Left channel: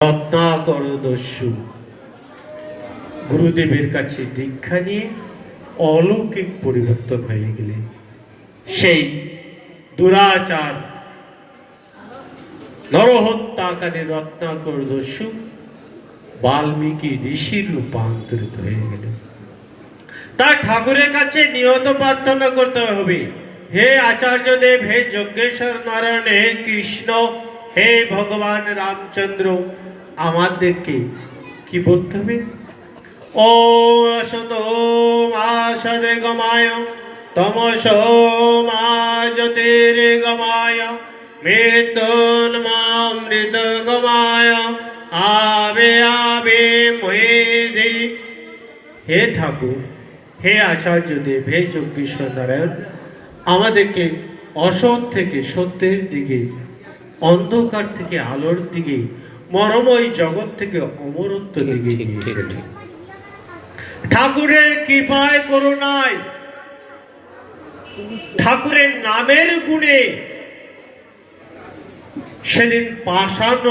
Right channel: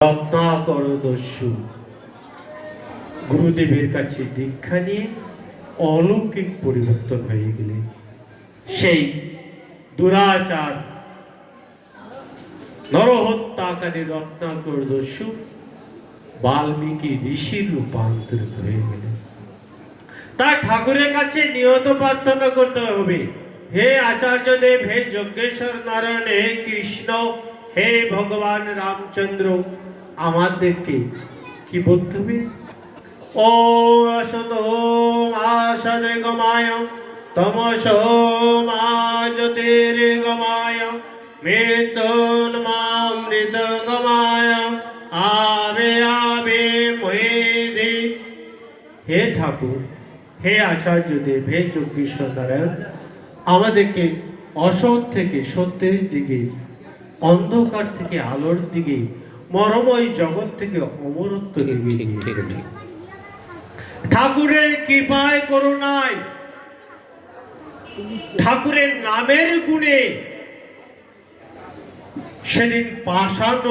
রত্নাকর দস্যু গুরুদেবের কাছে দীক্ষা নিয়ে অলৌকিক পরিবর্তন হয়ে গেলেন। সেই দুরাচার নরহত্যাকারী রত্নাকর দস্যু বাল্মীকি ঋষির রূপান্তরিত হয়ে গেলেন। তা ঠাকুরের কাছে নিয়ত প্রার্থনা করতে হবে, হে আচার্যদেব, হে যজ্ঞেশ্বর নারায়ণ, হে কৃষ্ণ, হে ভগবান রামচন্দ্র, আমাদেরকে কি বলতে হবে? ও আসতো মা সদগমায় তমসো মা জ্যোতির্গমায় মৃত্যুর্মামৃতগমায় আবে আবে মহিধি। হে ঠাকুর, হে আচার্যদেব, হে যজ্ঞেশ্বর নারায়ণ, আমাদেরকে অসৎ থেকে সত্যের দিকে, অন্ধকার থেকে আলোর দিকে, মরময় জগৎ থেকে অমরত্ব দিকে নিয়ে এসেছেন। ঠাকুরের কৃপায় করুণায়, ঠাকুরের নামের গুণে সেদিন পাষাণ